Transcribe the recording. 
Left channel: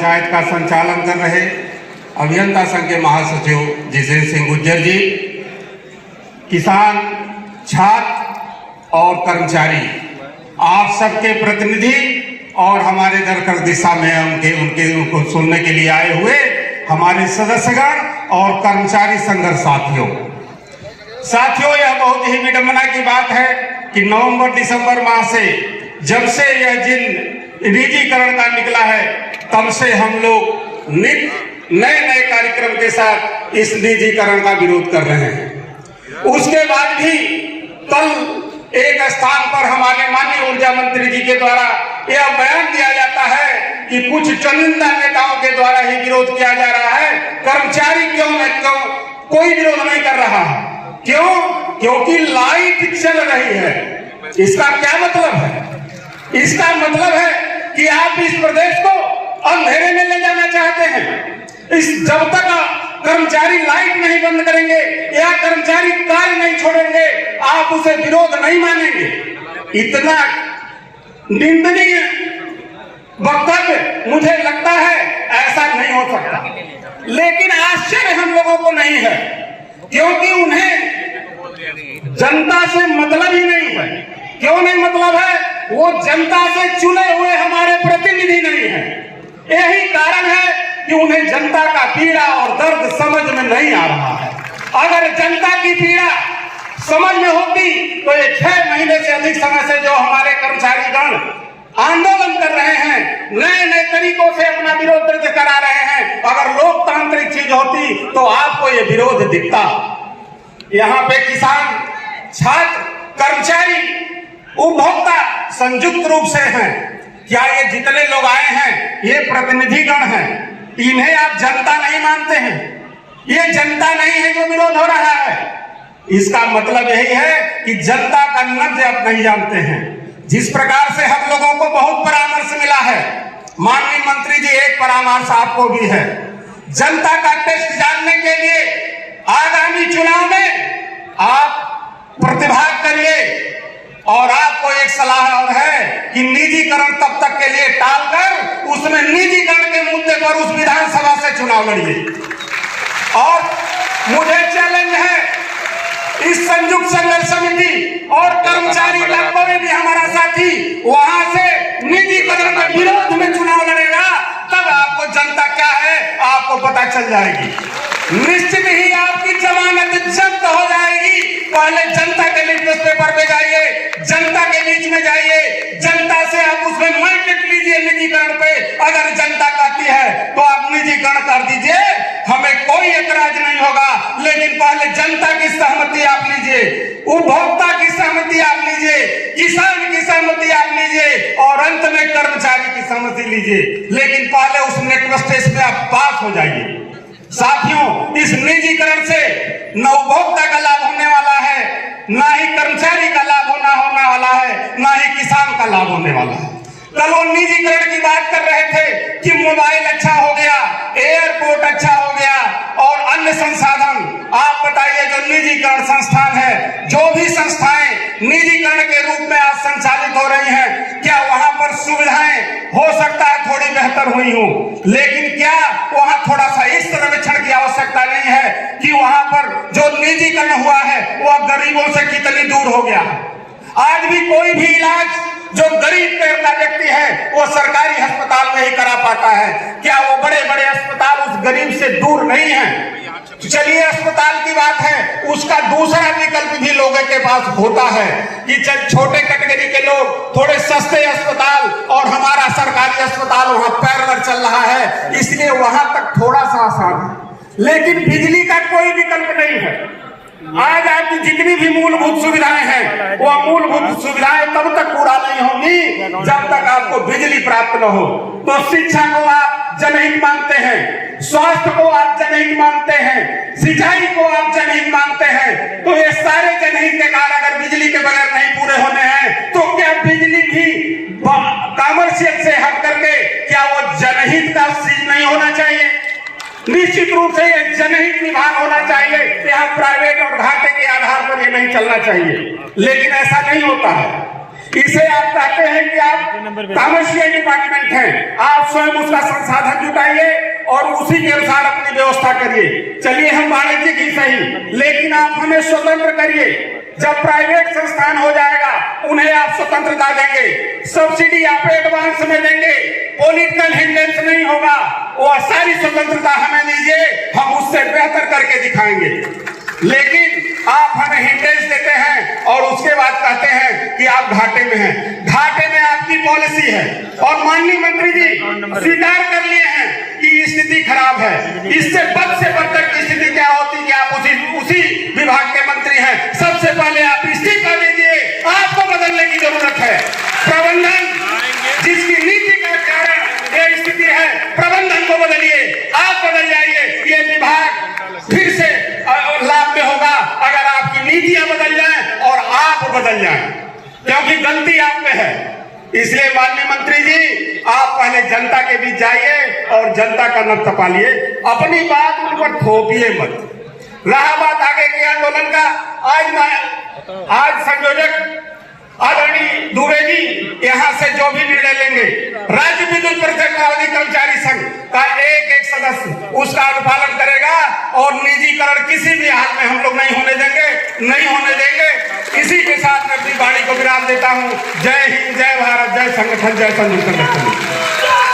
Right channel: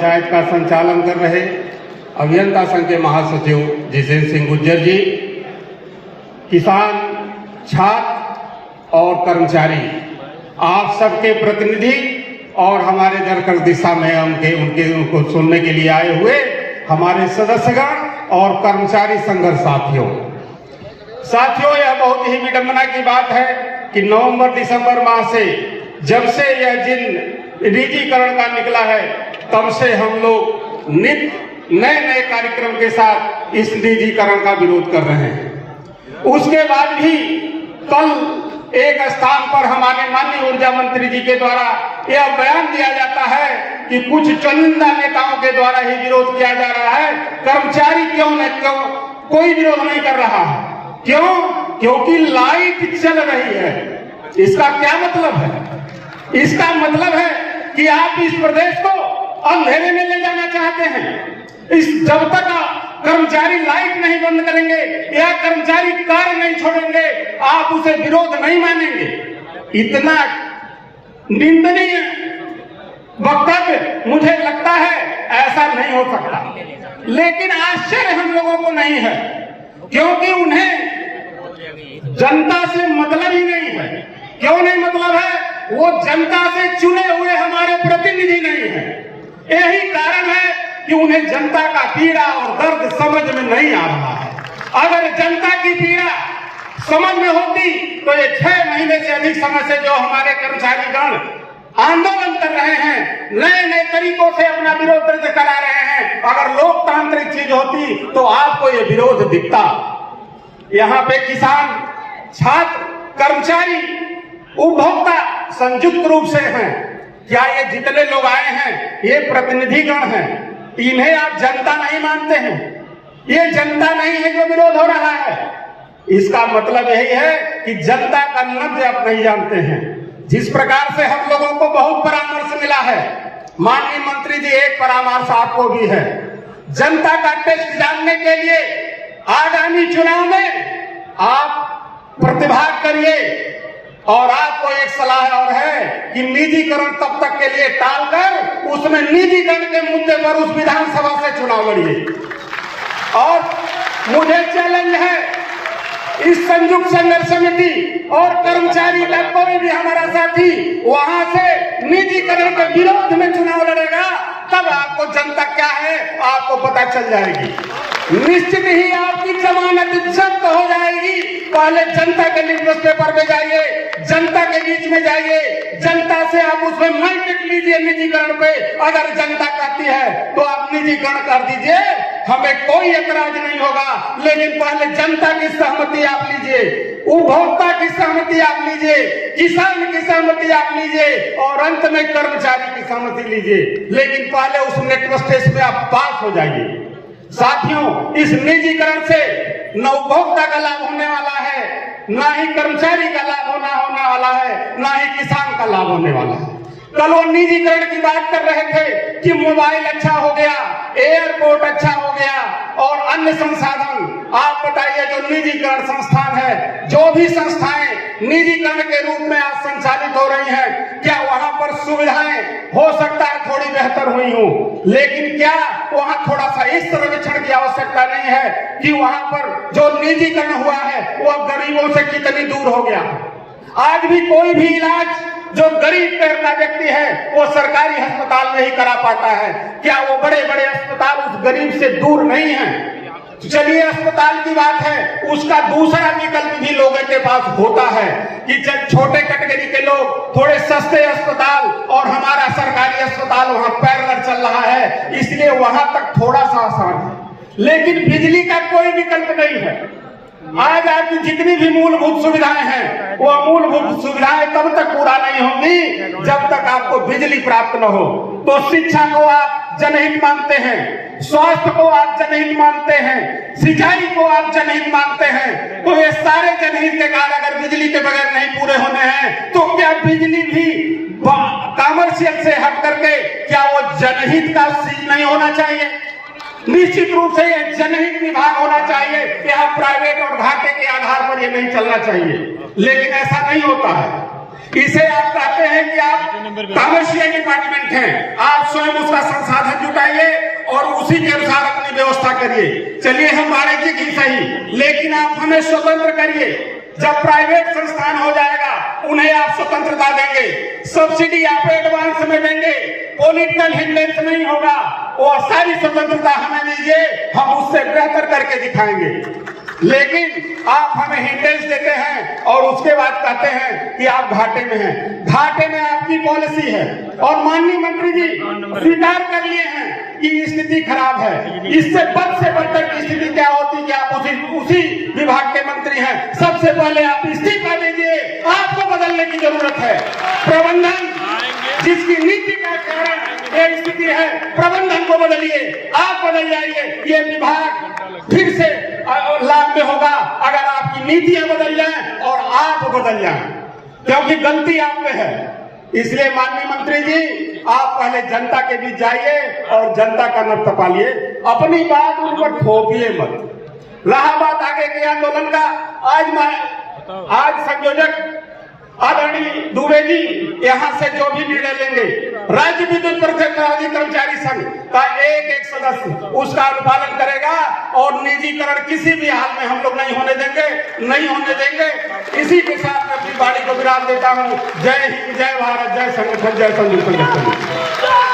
पंचायत का संचालन कर रहे अभियंता संघ के महासचिव जितेंद्र सिंह गुज्जर जी, किसान, छात्र और कर्मचारी, आप सबके प्रतिनिधि और हमारे दरकर दिशा में उनको सुनने के लिए आए हुए हमारे सदस्यगण और कर्मचारी संघर्ष साथियों, यह बहुत ही विडंबना की बात है कि नवंबर दिसंबर माह से जब से यह जिन निजीकरण का निकला है, तब से हम लोग नए कार्यक्रम के साथ इस निजीकरण का विरोध कर रहे हैं। उसके बाद भी कल एक स्थान पर हमारे माननीय ऊर्जा मंत्री जी के द्वारा यह बयान दिया जाता है कि कुछ चुनिंदा नेताओं के द्वारा ही विरोध किया जा रहा है, कर्मचारी क्यों कोई विरोध नहीं कर रहा है। क्यों? क्योंकि लाइट चल रही है। इसका क्या मतलब है? इसका मतलब है कि आप इस प्रदेश को अंधेरे में ले जाना चाहते हैं। जब तक कर्मचारी लाइट नहीं बंद करेंगे या कर्मचारी कार्य नहीं छोड़ेंगे, आप उसे विरोध नहीं मानेंगे। इतना निंदनीय वक्तव्य मुझे लगता है ऐसा नहीं हो सकता। लेकिन आश्चर्य हम लोगों को नहीं है, क्योंकि उन्हें जनता से मतलब ही नहीं है। क्यों नहीं मतलब है? वो जनता से चुने हुए हमारे प्रतिनिधि नहीं है। यही कारण है कि उन्हें जनता का पीड़ा और दर्द समझ में नहीं आ रहा है। अगर जनता की पीड़ा समझ में होती तो ये 6 महीने से अधिक समय से जो हमारे कर्मचारीगण आंदोलन कर रहे हैं, नए तरीकों से अपना विरोध दर्ज करा रहे हैं, अगर लोकतांत्रिक चीज होती तो आपको ये विरोध दिखता। यहाँ पे किसान, छात्र, कर्मचारी, उपभोक्ता संयुक्त रूप से हैं। क्या ये जितने लोग आए हैं ये प्रतिनिधिगण हैं? इन्हें आप जनता नहीं मानते हैं? ये जनता नहीं है जो विरोध हो रहा है। इसका मतलब यही है कि जनता का नब्ज आप नहीं जानते हैं। जिस प्रकार से हम लोगों को बहुत परामर्श मिला है, माननीय मंत्री जी एक परामर्श आपको भी है, जनता का टेस्ट जानने के लिए आगामी चुनाव में आप प्रतिभाग करिए। और आपको एक सलाह और है कि निजीकरण तब तक के लिए टालकर उसमें निजीकरण के मुद्दे पर उस विधानसभा से चुनाव लड़िए। और मुझे चैलेंज है, इस संयुक्त संघर्ष समिति और कर्मचारी का कोई भी हमारा साथी वहां से निजीकरण के विरोध में चुनाव लड़ेगा, तब आपको जनता क्या है आपको पता चल जाएगी। निश्चित ही आपकी जमानत जब्त हो जाएगी। पहले जनता के लिटमस पेपर पे जाइए, जनता के बीच में जाइए, जनता से आप उसमें मैंडेट लीजिए निजीकरण पे। अगर जनता कहती है तो आप निजीकरण कर दीजिए, हमें कोई एतराज नहीं होगा। लेकिन पहले जनता की सहमति आप लीजिए, उपभोक्ता की सहमति आप लीजिए, किसान की सहमति आप लीजिए और अंत में कर्मचारी की सहमति लीजिए। लेकिन पहले उस नेटवर्क टेस्ट में आप पास हो जाइए। साथियों, इस निजीकरण से न उपभोक्ता का लाभ होने वाला है, ना ही कर्मचारी का लाभ होने वाला है, ना ही किसान का लाभ होने वाला है। कल वो निजीकरण की बात कर रहे थे कि मोबाइल अच्छा हो गया, एयरपोर्ट अच्छा हो गया और अन्य संसाधन। आप बताइए, जो निजीकरण संस्थान है, जो भी संस्थाएं निजीकरण के रूप में आज संचालित हो रही हैं, क्या वहां पर सुविधाएं हो सकता है थोड़ी बेहतर हुई हो, लेकिन क्या वहां थोड़ा सा इस सर्वेक्षण की आवश्यकता नहीं है कि वहां पर जो निजीकरण हुआ है वह गरीबों से कितनी दूर हो गया। आज भी कोई भी इलाज जो गरीब का व्यक्ति है वो सरकारी अस्पताल में ही करा पाता है। क्या वो बड़े बड़े अस्पताल उस गरीब से दूर नहीं है? चलिए, अस्पताल की बात है, उसका दूसरा विकल्प भी लोगों के पास होता है कि जब छोटे कैटेगरी के लोग थोड़े सस्ते अस्पताल और हमारा सरकारी अस्पताल वहां पैरेलल चल रहा है, इसलिए वहां तक थोड़ा सा आसान है। लेकिन बिजली का कोई विकल्प नहीं है। आज आपकी जितनी भी मूलभूत सुविधाएं हैं, वो मूलभूत सुविधाएं तब तक पूरा नहीं होंगी जब तक आपको बिजली प्राप्त न हो। तो शिक्षा को आप जनहित मानते हैं, स्वास्थ्य को आप जनहित मानते हैं, सिंचाई को आप जनहित मानते हैं, तो ये सारे जनहित के कार्य अगर बिजली के बगैर नहीं पूरे होने हैं, तो क्या बिजली भी कॉमर्शियल से हट करके क्या वो जनहित का चीज नहीं होना चाहिए? निश्चित रूप से यह जनहित विभाग होना चाहिए। यहाँ प्राइवेट और घाटे के आधार पर ये नहीं चलना चाहिए। लेकिन ऐसा नहीं होता है। इसे आप कहते हैं कि आप कमर्शियल डिपार्टमेंट हैं, आप स्वयं उसका संसाधन जुटाइए और उसी के अनुसार अपनी व्यवस्था करिए। चलिए हम वाणिज्यिक ही सही, लेकिन आप हमें स्वतंत्र करिए। जब प्राइवेट संस्थान हो जाएगा उन्हें आप स्वतंत्रता देंगे, सब्सिडी आप एडवांस में देंगे, पॉलिटिकल हिंड्रेंस नहीं होगा, वो सारी स्वतंत्रता हमें दीजिए, हम उससे बेहतर करके दिखाएंगे। लेकिन आप हमें हिंड्रेंस देते हैं और उसके बाद कहते हैं कि आप घाटे में हैं। घाटे में आपकी पॉलिसी है और माननीय मंत्री जी स्वीकार कर लिए हैं कि स्थिति खराब है। इससे बद से बदतर की स्थिति क्या होती कि आप उसी विभाग के मंत्री हैं। सबसे पहले आप इस्तीफा दीजिए, आपको बदलने की जरूरत है। प्रबंधन जिसकी नीति का कारण ये स्थिति है, प्रबंधन को बदलिए, आप बदल जाइए, ये विभाग फिर से लाभ में होगा अगर आपकी नीतियां बदल जाएं और आप बदल जाएं, क्योंकि गलती आप में है। इसलिए माननीय मंत्री जी आप पहले जनता के बीच जाइए और जनता का नब तपालिए, अपनी बात उन पर थोपिए मत। रहा बात आगे के आंदोलन का, आज संयोजक आदरणीय दुबे जी यहाँ से जो भी निर्णय लेंगे, राज्य विद्युत परिषद कर्मचारी संघ का एक सदस्य उसका अनुपालन करेगा और निजीकरण किसी भी हाल में हम लोग नहीं होने देंगे। इसी के साथ मैं अपनी वाणी को विराम देता हूँ। जय हिंद, जय भारत, जय संगठन, जय संयुक्त संगठन।